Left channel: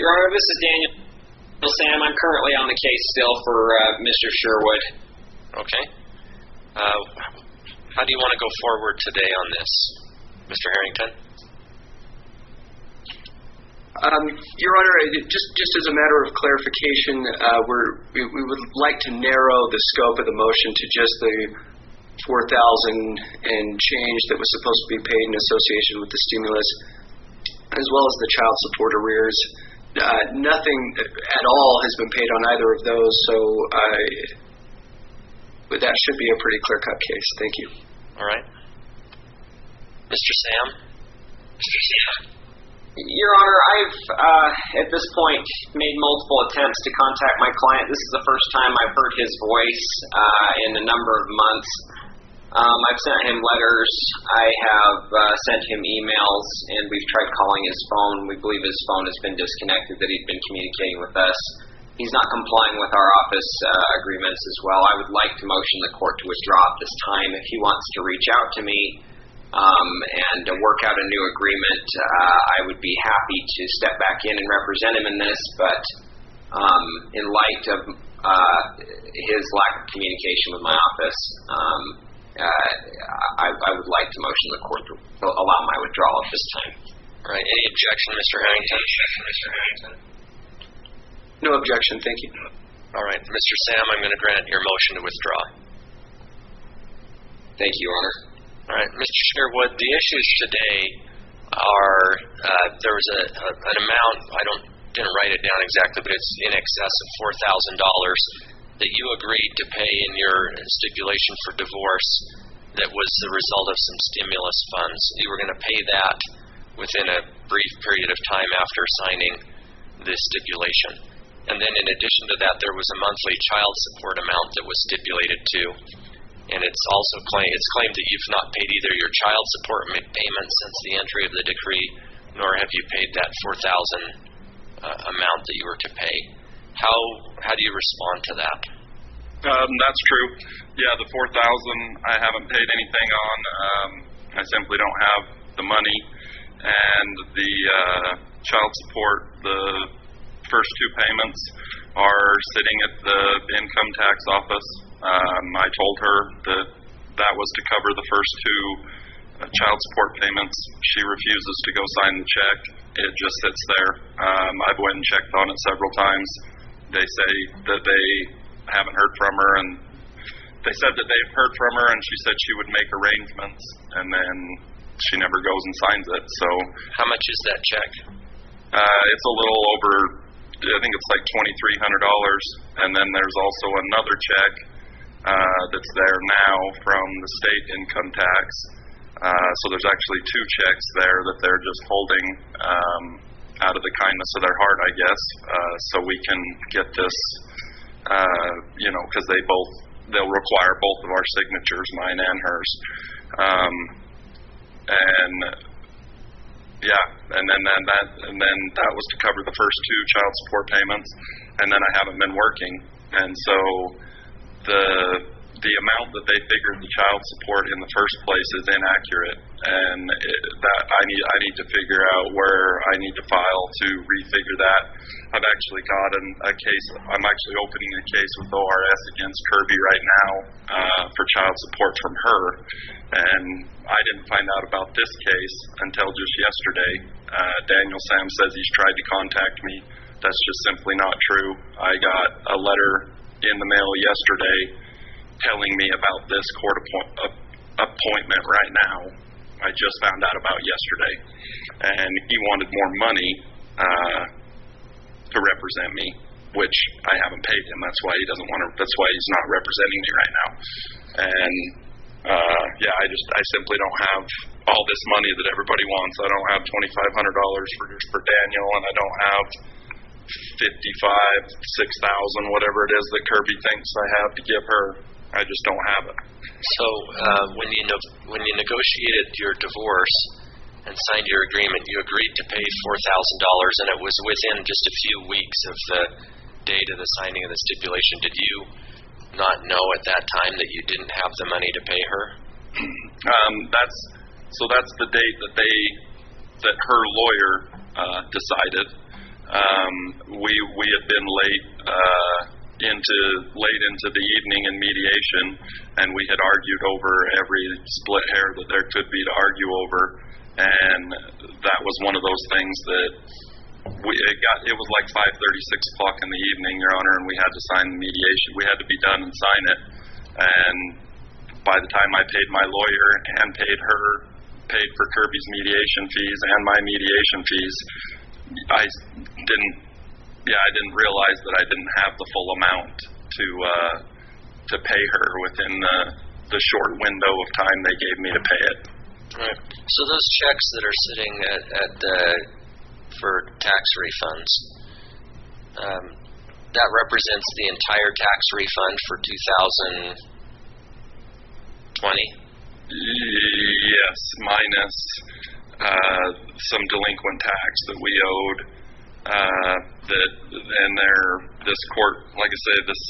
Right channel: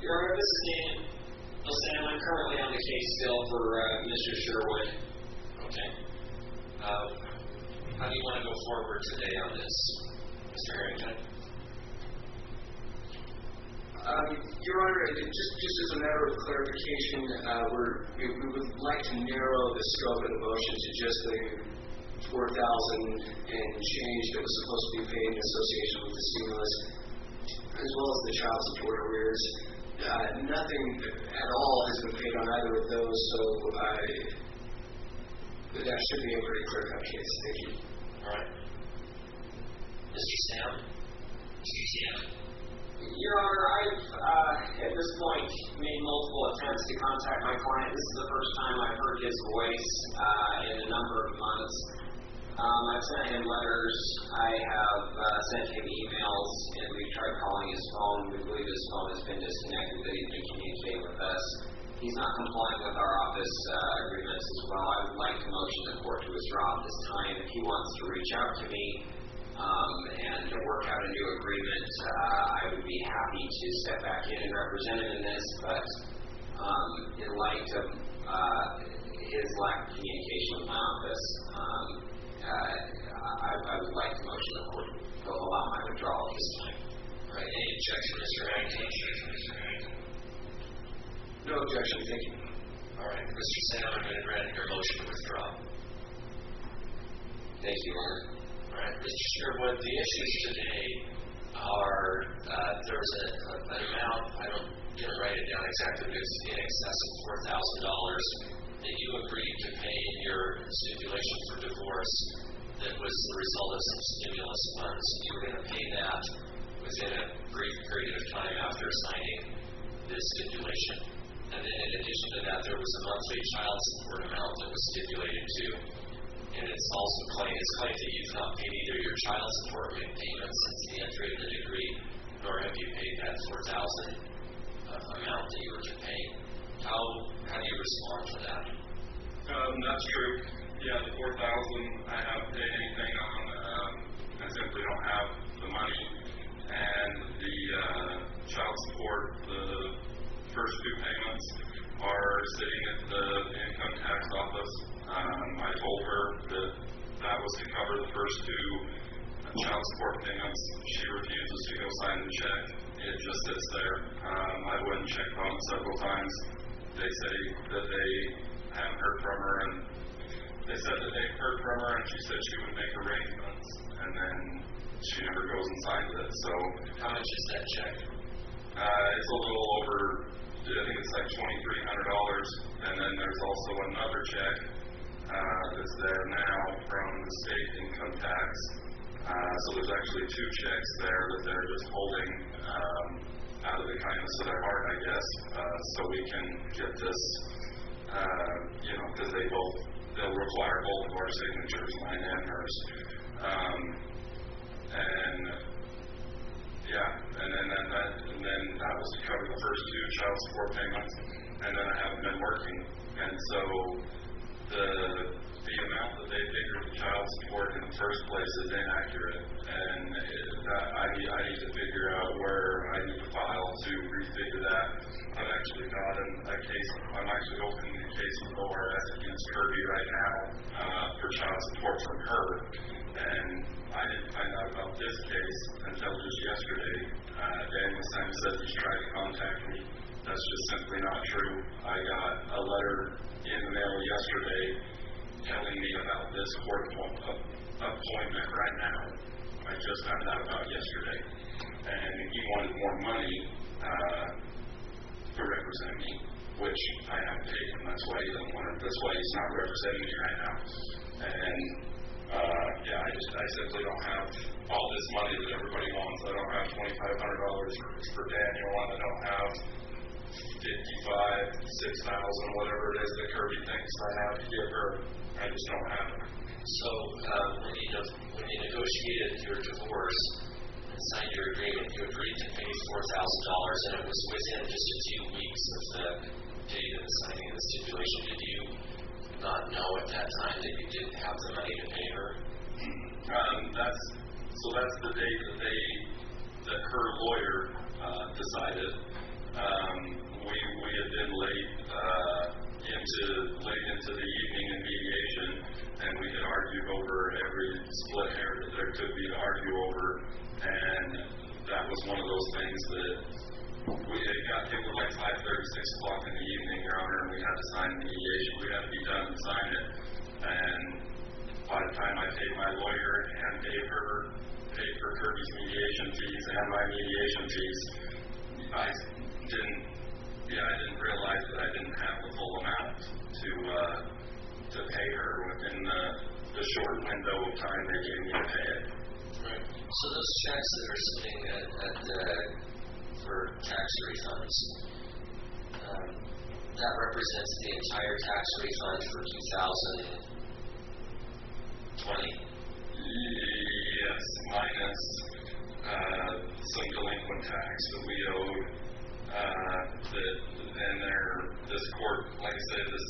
Your Honor, this is Daniel Sam. I'm currently on the case still for Mr. Shearwood. Okay. How do you want to go forward today on this, Mr. Harrington? Your Honor, just as a matter of clarification, we would like to narrow the scope of the motion to just the $4,000 and change that was supposed to be paid in association with the stimulus, as well as the child support arrears. Nothing at all has been paid on either of those, so that should be a pretty clear-cut case. Thank you. All right. Mr. Sam? Your Honor, I've, at this point, made multiple attempts to contact my client. This is the first time I've heard his voice in a number of months. I've sent him letters. I have sent him emails, and we've tried calling his phone. We believe his phone has been disconnected, that he'd been communicating with us. He's not complying with our office agreements as well. I would like to motion the court to withdraw at this time. If he wants to reach out to me and work out a new agreement, I would be happy to step back in and represent him in this, but in light of his lack of communication with my office, I would like to motion the court to allow my withdrawal at this time. All right. Any objection, Mr. Harrington? No objection. Thank you. All right. Mr. Sam, I'm going to grant your motion to withdraw. Thank you, Your Honor. All right. Mr. Shearwood, the issues today are there was an amount, didn't write it down exactly, but it's in excess of $4,000 that you agreed to pay in your stipulation for divorce that was the result of some stimulus funds. You were going to pay that within a brief period of time after signing this stipulation. And then in addition to that, there was a monthly child support amount that was stipulated too. And it's also claimed that you've not paid either your child support payment since the entry of the decree, nor have you paid that $4,000 amount that you were to pay. How do you respond to that? That's true. Yeah, the $4,000 I haven't paid anything on. I simply don't have the money. And the child support, the first two payments are sitting at the income tax office. I told her that was to cover the first two child support payments. She refuses to go sign the check. It just sits there. I've went and checked on it several times. They say that they haven't heard from her, and they said that they've heard from her, and she said she would make arrangements, and then she never goes and signs it. So how much is that check? It's a little over, I think it's like $2,300, and then there's also another check that's there now from the state income tax. So there's actually two checks there that they're just holding out of the kindness of their heart, I guess, so we can get this, because they'll require both of our signatures, mine and hers. And then that was to cover the first two child support payments, and then I haven't been working, and so the amount that they figured the child support in the first place is inaccurate, and that I need to figure out where I need to file to refigure that. I've actually got a case. I'm actually opening a case with ORS against Kirby right now for child support from her, and I didn't find out about this case until just yesterday. Daniel Sam says he's tried to contact me. That's just simply not true. I got a letter in the mail yesterday telling me about this court appointment right now. I just found out about yesterday, and he wanted more money to represent me, which I haven't paid him. That's why he doesn't want to. That's why he's not representing me right now. And I simply don't have all this money that everybody wants. I don't have $2,500 for Daniel, and I don't have $6,000, whatever it is that Kirby thinks I have to give her. I just don't have it. So when you negotiated your divorce and signed your agreement, you agreed to pay $4,000, and it was within just a few weeks of the date of the signing of the stipulation. Did you not know at that time that you didn't have the money to pay her? That's the date that her lawyer decided. We had been late into the evening in mediation, and we had argued over every split hair that there could be to argue over, and that was one of those things that it was like 5:30, 6 o'clock in the evening, Your Honor, and we had to sign the mediation. We had to be done and sign it, and by the time I paid my lawyer and paid for Kirby's mediation fees and my mediation fees, I didn't realize that I didn't have the full amount to pay her within the short window of time they gave me to pay it. Right. So those checks that are sitting for tax refunds, that represents the entire tax refund for 2020? Yes, minus some delinquent tax that we owed. This court, like I say, this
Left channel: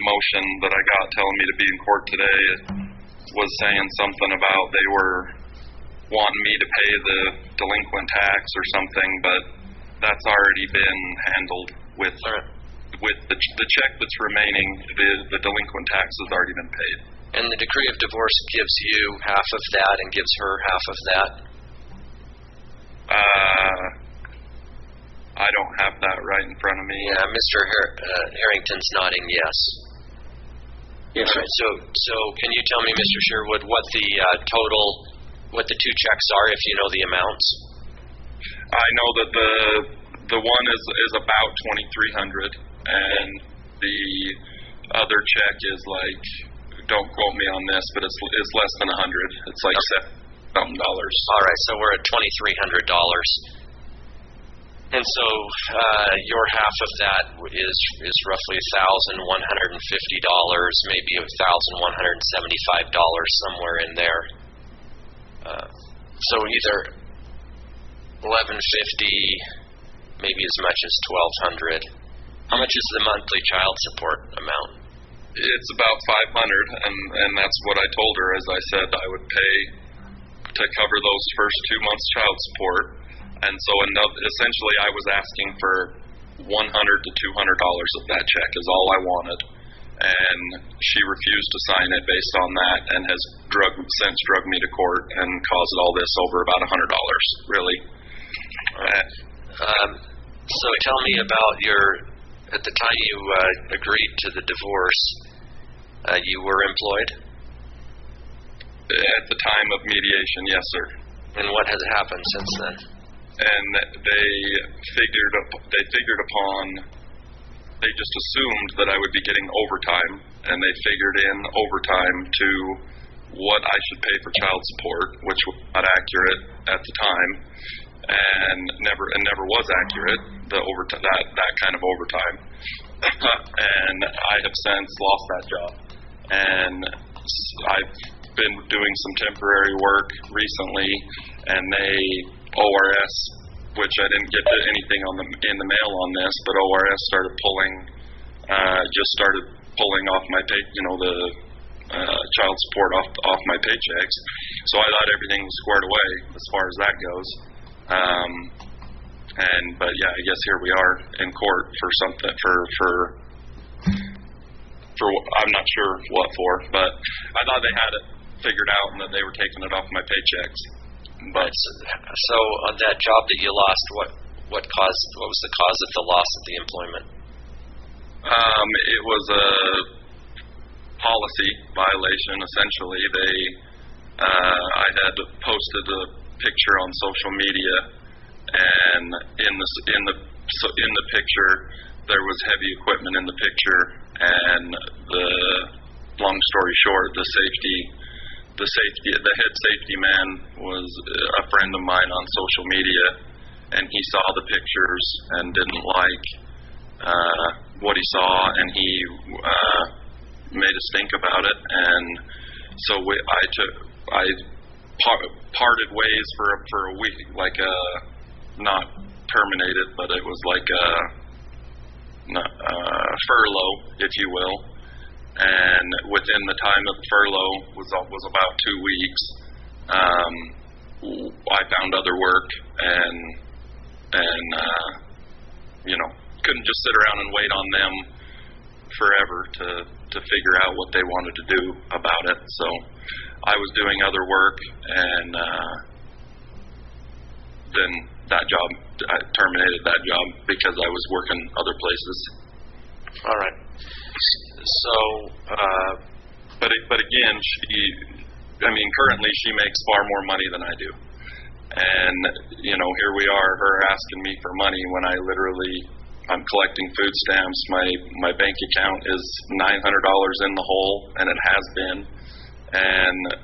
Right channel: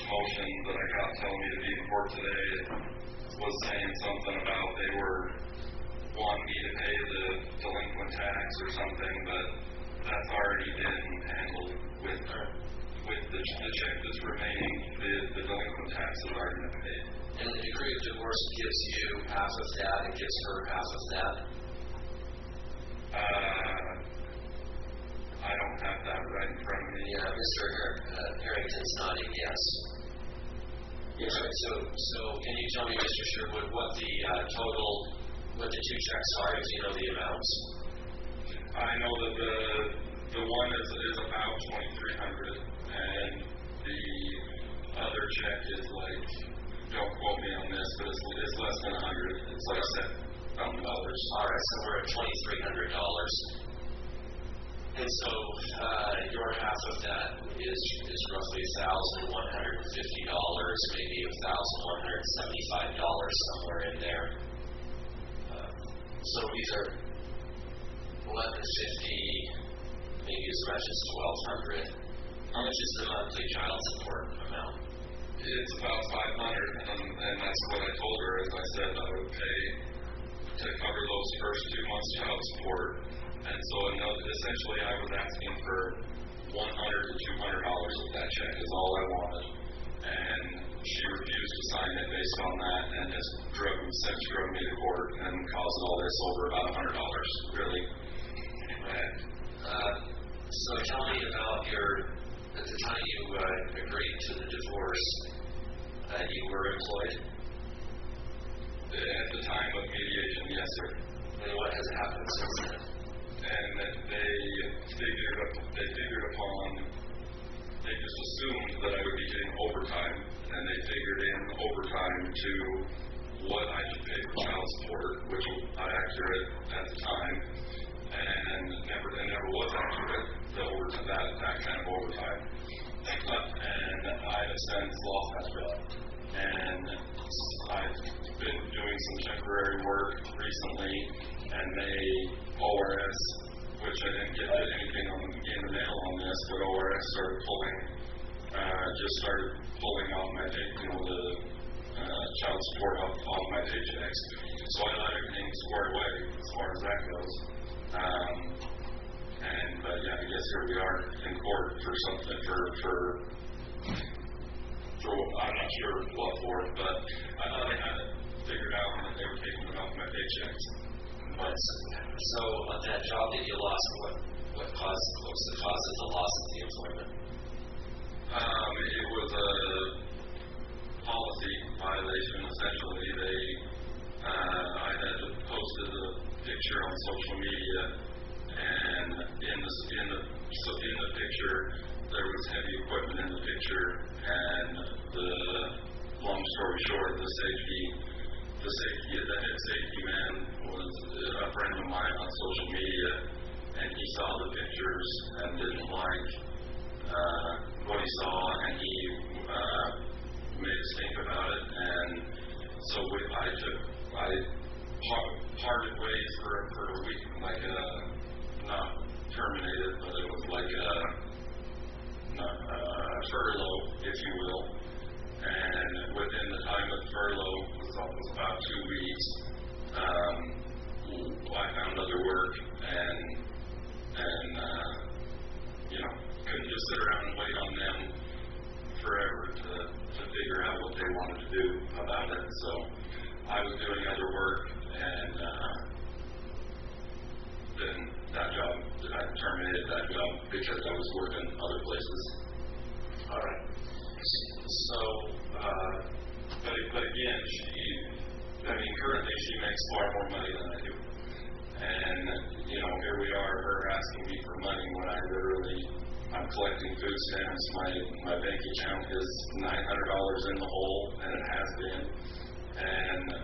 motion that I got telling me to be in court today was saying something about they were wanting me to pay the delinquent tax or something, but that's already been handled with the check that's remaining. The delinquent tax has already been paid. And the decree of divorce gives you half of that and gives her half of that? I don't have that right in front of me. Yeah, Mr. Harrington's nodding yes. Yes, sir. So can you tell me, Mr. Shearwood, what the two checks are, if you know the amounts? I know that the one is about $2,300, and the other check is like, don't quote me on this, but it's less than $100. It's like $7,000. All right, so we're at $2,300. And so your half of that is roughly $1,150, maybe $1,175, somewhere in there. So either $1,150, maybe as much as $1,200. How much is the monthly child support amount? It's about $500, and that's what I told her. As I said, I would pay to cover those first 2 months child support. And so essentially I was asking for $100 to $200 of that check is all I wanted. And she refused to sign it based on that, and has since drug me to court and caused all this over about $100, really. So tell me about at the time you agreed to the divorce, you were employed? At the time of mediation, yes, sir. And what has happened since then? And they just assumed that I would be getting overtime, and they figured in overtime to what I should pay for child support, which was not accurate at the time, and never was accurate, that kind of overtime. And I have since lost that job, and I've been doing some temporary work recently, and ORS, which I didn't get anything in the mail on this, but ORS started pulling off my pay, the child support off my paychecks. So I thought everything was squared away as far as that goes. But yeah, I guess here we are in court for something for I'm not sure what for, but I thought they had it figured out and that they were taking it off my paychecks. But so on that job that you lost, what was the cause of the loss of the employment? It was a policy violation. Essentially, I had posted a picture on social media, and in the picture there was heavy equipment in the picture, and long story short, the head safety man was a friend of mine on social media, and he saw the pictures and didn't like what he saw, and he made a stink about it, and so I parted ways for a week, like not terminated, but it was like a furlough, if you will. And within the time of the furlough was about 2 weeks. I found other work, and couldn't just sit around and wait on them forever to figure out what they wanted to do about it. So I was doing other work, and then I terminated that job because I was working other places. All right. So, but again, currently she makes far more money than I do, and here we are, her asking me for money when I'm collecting food stamps. My bank account is $900 in the hole, and it has been, and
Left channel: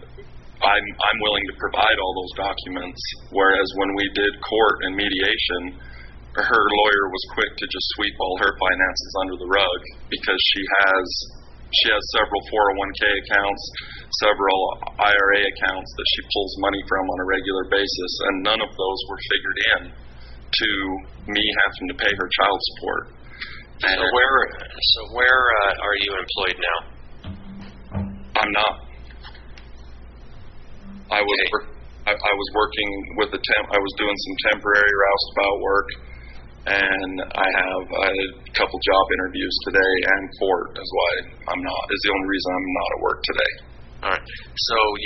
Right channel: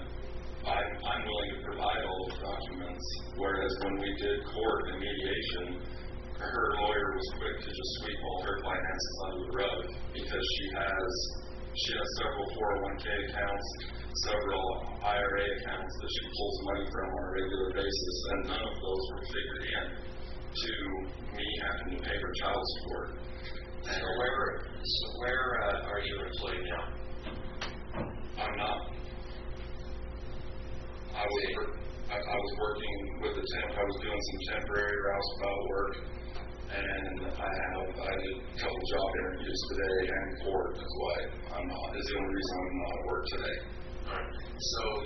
I'm willing to provide all those documents. Whereas when we did court and mediation, her lawyer was quick to just sweep all her finances under the rug because she has several 401k accounts, several IRA accounts that she pulls money from on a regular basis, and none of those were figured in to me having to pay her child support. So where are you employed now? I'm not. I was working with I was doing some temporary roustabout work, and I had a couple job interviews today, and court is the only reason I'm not at work today. All right. So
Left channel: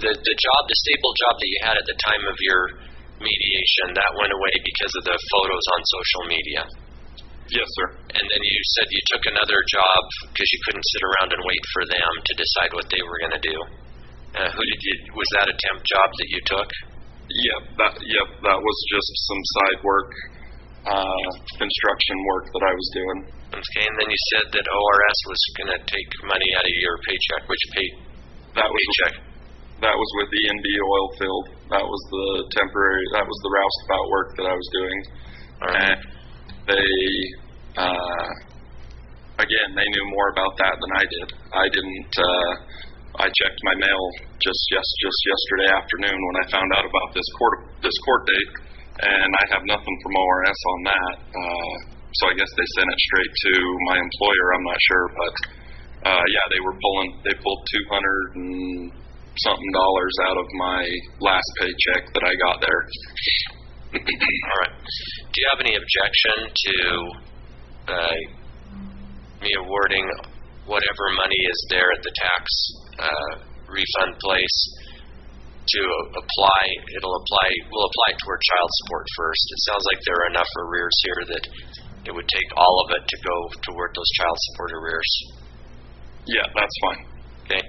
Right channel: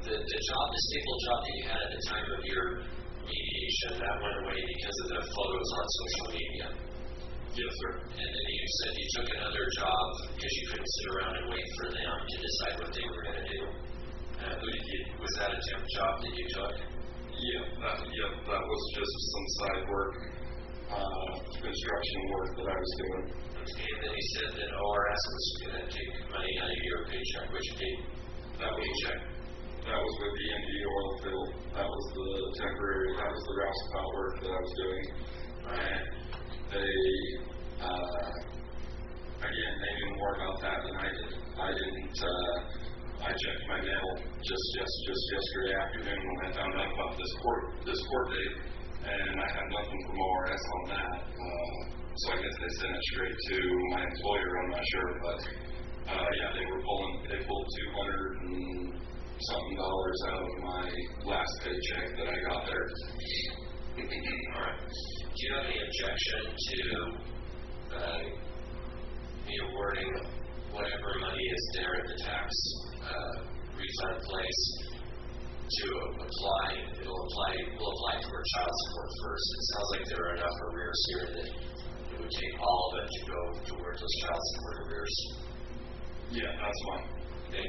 the disabled job that you had at the time of your mediation, that went away because of the photos on social media. Yes, sir. And then you said you took another job because you couldn't sit around and wait for them to decide what they were going to do. Was that a temp job that you took? That was just some side work, construction work that I was doing. Okay, and then you said that ORS was going to take money out of your paycheck. Which paycheck? That was with ENB oil field. That was the roustabout work that I was doing. All right. And they knew more about that than I did. I didn't. I checked my mail just yesterday afternoon when I found out about this court date, and I have nothing from ORS on that. So I guess they sent it straight to my employer. I'm not sure, but they pulled $200 and something out of my last paycheck that I got there. All right. Do you have any objection to me awarding whatever money is there at the tax refund place to apply? We'll apply toward child support first. It sounds like there are enough arrears here that it would take all of it to go toward those child support arrears. Yeah, that's fine. Okay.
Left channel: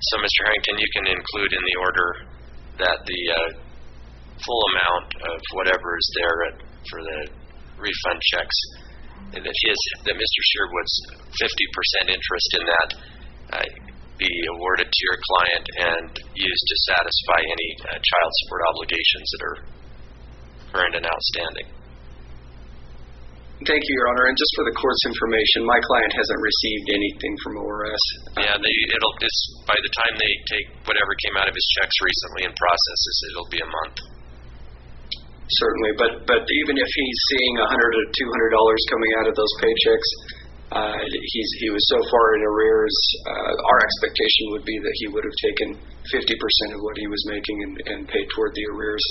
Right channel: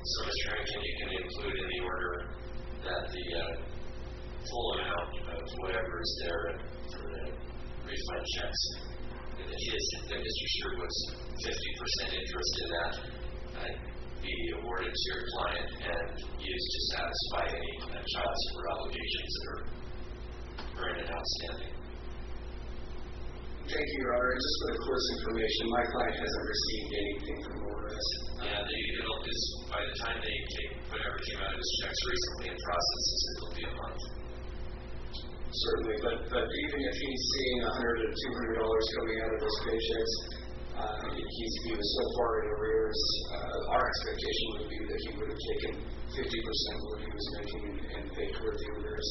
So, Mr. Harrington, you can include in the order that the full amount of whatever is there for the refund checks, and that Mr. Shearwood's 50% interest in that be awarded to your client and used to satisfy any child support obligations that are current and outstanding. Thank you, Your Honor. And just for the court's information, my client hasn't received anything from ORS. Yeah, it's by the time they take whatever came out of his checks recently and processes, it'll be a month. Certainly, but even if he's seeing $100 or $200 coming out of those paychecks, he was so far in arrears. Our expectation would be that he would have taken 50% of what he was making and paid toward the arrears.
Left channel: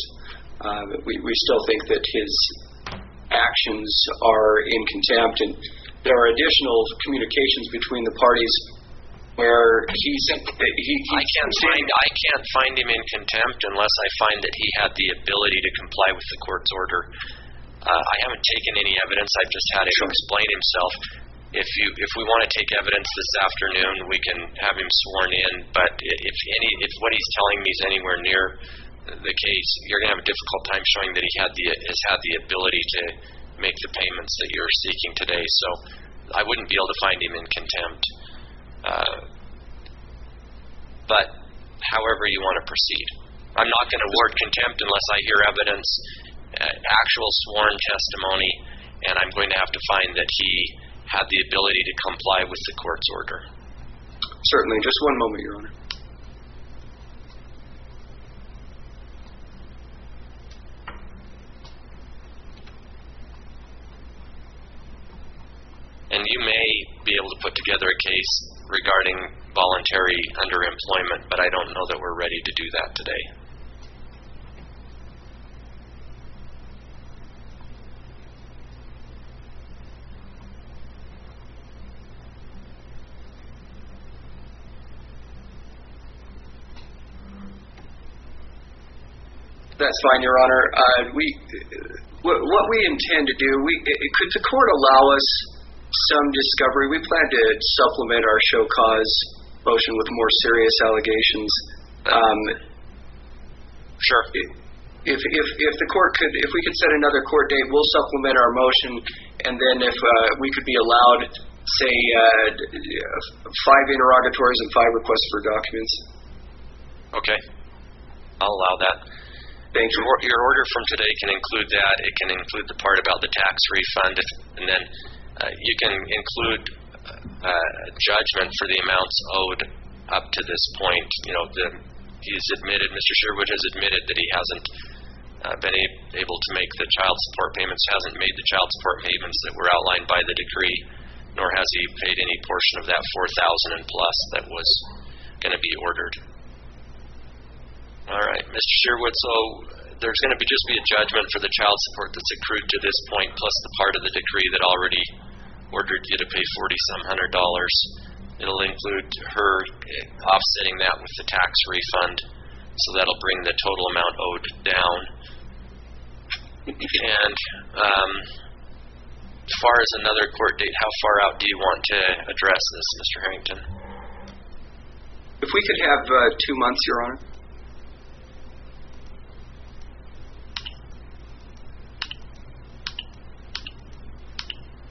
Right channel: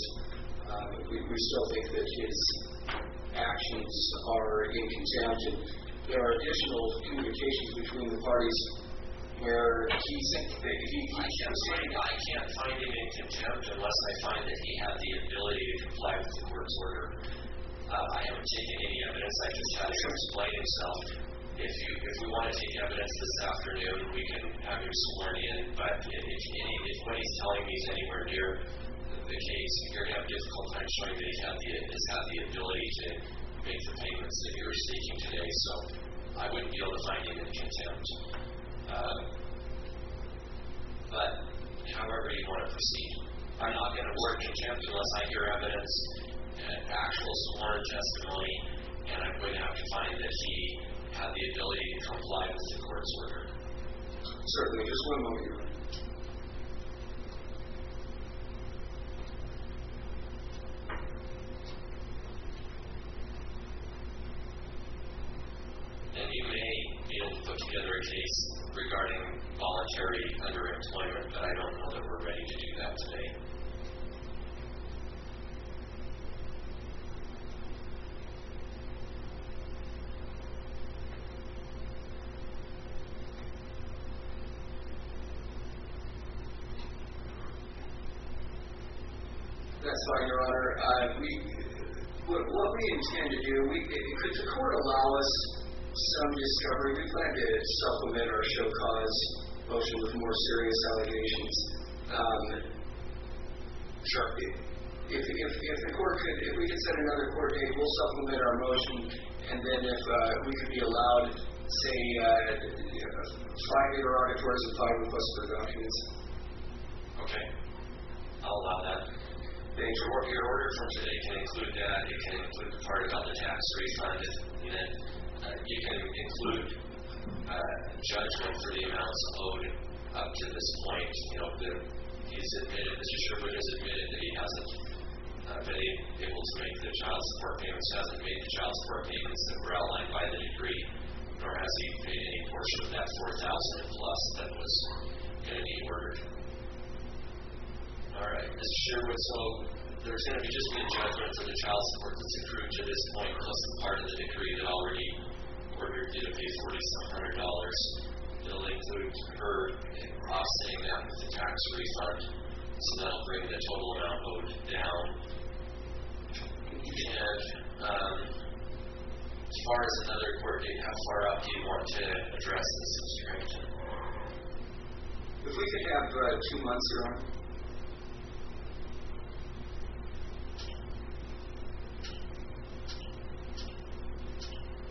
But we still think that his actions are in contempt, and there are additional communications between the parties where I can't find him in contempt unless I find that he had the ability to comply with the court's order. I haven't taken any evidence. I've just had him explain himself. If we want to take evidence this afternoon, we can have him sworn in. But if what he's telling me is anywhere near the case, you're going to have a difficult time showing that he has had the ability to make the payments that you're seeking today. So I wouldn't be able to find him in contempt. But however you want to proceed. I'm not going to award contempt unless I hear evidence, actual sworn testimony, and I'm going to have to find that he had the ability to comply with the court's order. Certainly. Just one moment, Your Honor. And you may be able to put together a case regarding voluntary underemployment, but I don't know that we're ready to do that today. That's fine, Your Honor. What we intend to do, could the court allow us some discovery? We plan to supplement our show cause motion with more serious allegations. Sure. If the court could, if we could set another court date, we'll supplement our motion, and then if we could be allowed, say, 5 interrogatories and 5 requests for documents. Okay. I'll allow that. Thank you. Your order from today can include that. It can include the part about the tax refund, and then you can include judgment for the amounts owed up to this point. You know, he's admitted, Mr. Shearwood has admitted that he hasn't been able to make the child support payments, hasn't made the child support payments that were outlined by the decree, nor has he paid any portion of that $4,000 and plus that was going to be ordered. All right, Mr. Shearwood, so there's going to just be a judgment for the child support that's accrued to this point, plus the part of the decree that already ordered you to pay $4,000 some. It'll include her offsetting that with the tax refund, so that'll bring the total amount owed down. And as far as another court date, how far out do you want to address this, Mr. Harrington? If we could have 2 months, Your Honor.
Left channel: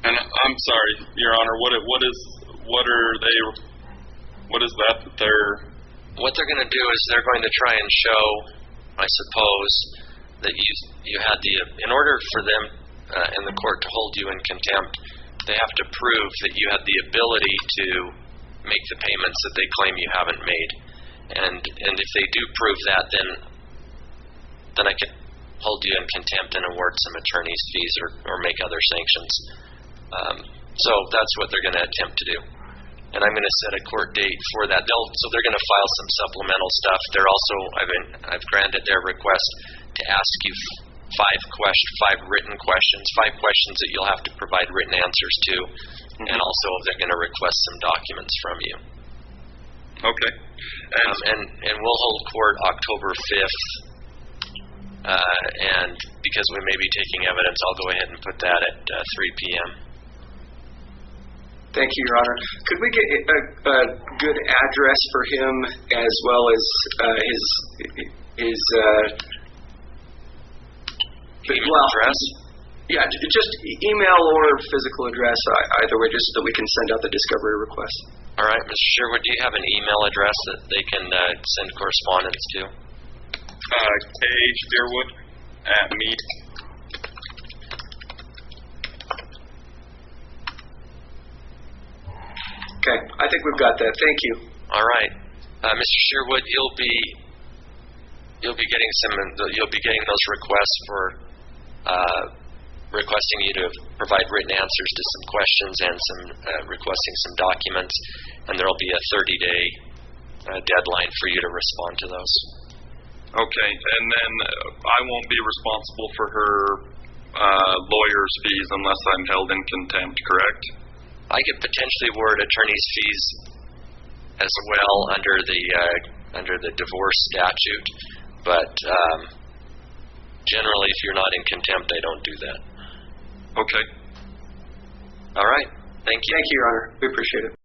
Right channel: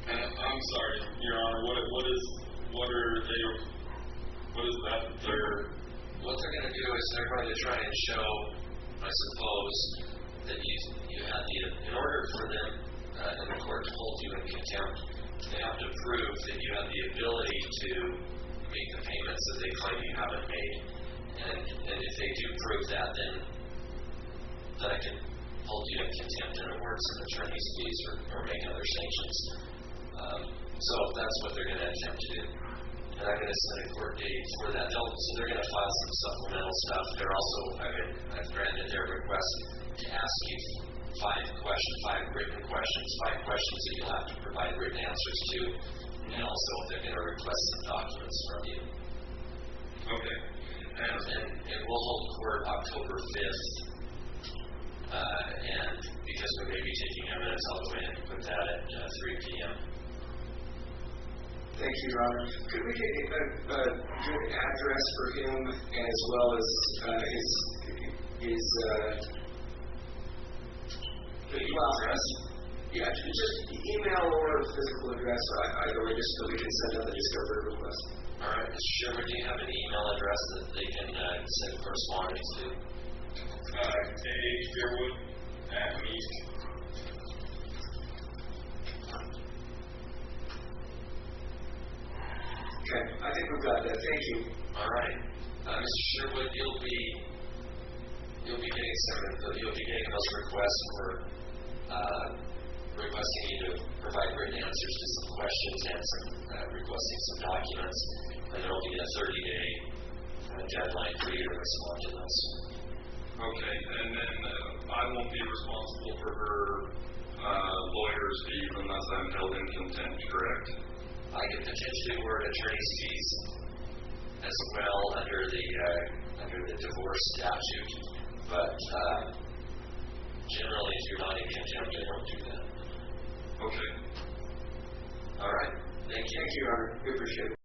And I'm sorry, Your Honor. What is that they're? What they're going to do is they're going to try and show, I suppose, that you had in order for them and the court to hold you in contempt, they have to prove that you had the ability to make the payments that they claim you haven't made. And if they do prove that, then I could hold you in contempt and award some attorney's fees or make other sanctions. So that's what they're going to attempt to do. And I'm going to set a court date for that. So they're going to file some supplemental stuff. They're also, I've granted their request to ask you 5 written questions, 5 questions that you'll have to provide written answers to, and also they're going to request some documents from you. Okay. And we'll hold court October 5th, and because we may be taking evidence, I'll go ahead and put that at 3 p.m. Thank you, Your Honor. Could we get a good address for him as well as his address? Yeah, just email or physical address, either way, just so that we can send out the discovery request. All right, Mr. Shearwood, do you have an email address that they can send correspondence to? Shearwood@me. Okay, I think we've got that. Thank you. All right, Mr. Shearwood, you'll be getting those requests for requesting you to provide written answers to some questions and some requesting some documents, and there will be a 30-day deadline for you to respond to those. Okay, and then I won't be responsible for her lawyer's fees unless I'm held in contempt, correct? I could potentially award attorney's fees as well under the divorce statute, but generally, if you're not in contempt, I don't do that. Okay. All right. Thank you. Thank you, Your Honor. We appreciate it.